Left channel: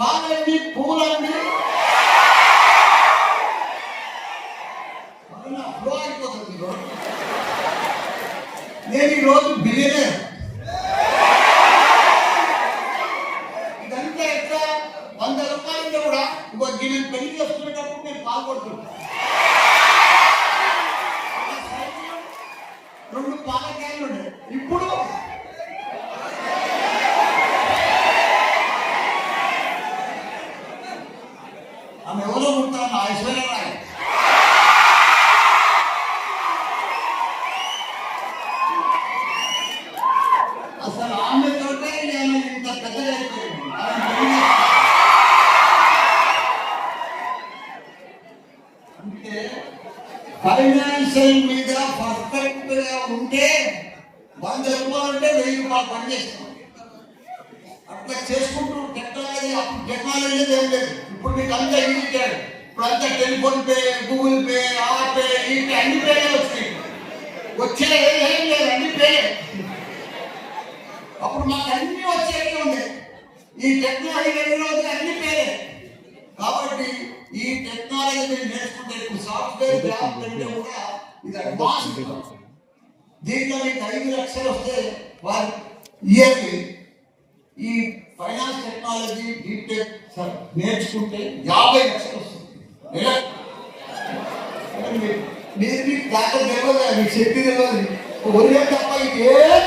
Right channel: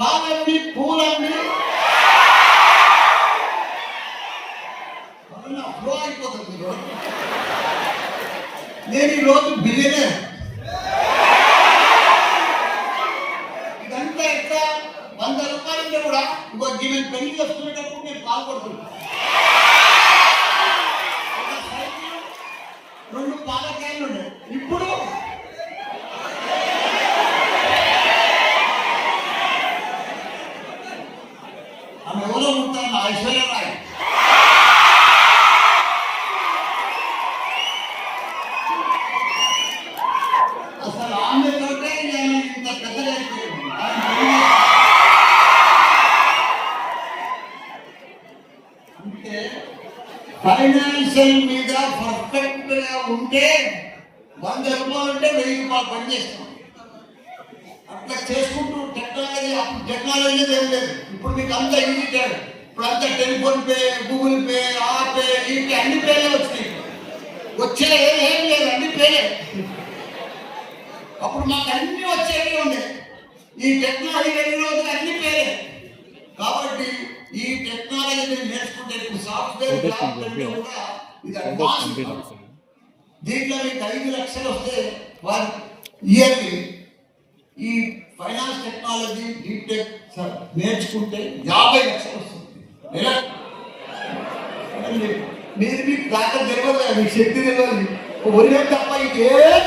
పాలండి, పూలండి flow అయిపోతుంది. నేను ఈరోజు బిల్లులే ఇదంతా ఎట్లా 100 రూపాయలు కూడా నేను పెళ్లి చేసుకునేటప్పుడు నేను పాల్గొడుతున్నాను. 2 పాలకాయలు ఉండే, ఇప్పుడు ఆమె ఎవరో ఉంటాను ఐశ్వర్యరాయ్. అసలు ఆమె తోటే నేను ఇంత పెద్దగా అంటే ఫైనాన్షియల్ మీద పర్ఫెక్ట్ గా ఉంటే 100 రూపాయలు అంటే 1000 రూపాయలు పనిచేస్తాం. అట్లా చేసుకుంటూ టెక్నాలజీ, అప్పుడు టెక్నాలజీ ఏం లేదు. ఇప్పుడు మీకు అంతా ఇండికేట్, ఇప్పుడు అంతా టెలిఫోన్ పే, గూగుల్ పే, ఆ పే, ఈ పే, అన్ని పేలే వచ్చినాయి. వచ్చే ఏం లేదు, అన్ని పేలే. అప్పుడు మాకు అన్ని వచ్చేవి ఉండే. ఈ టెక్నాలజీ వెళ్ళిన రోజు అన్ని పేలే. కాబట్టి ఈ టెక్నాలజీ నేర్చుకుంటే ఇప్పుడు సాఫ్ట్వేర్ జాబ్ కూడా ఇది అడ్వాన్స్. దీంట్లో మీకు 5 లక్షలు వస్తే వారు ఇయర్లీ ఈ ఫైనాన్స్ టెక్నాలజీ బీటెక్ నేర్చుకుంటే 50 లక్షలు వస్తుంది. మీరు మీకు దాకా తెలియదు, మీకు శక్తి తెలియదు, ఒరే తప్ప ఇంకేం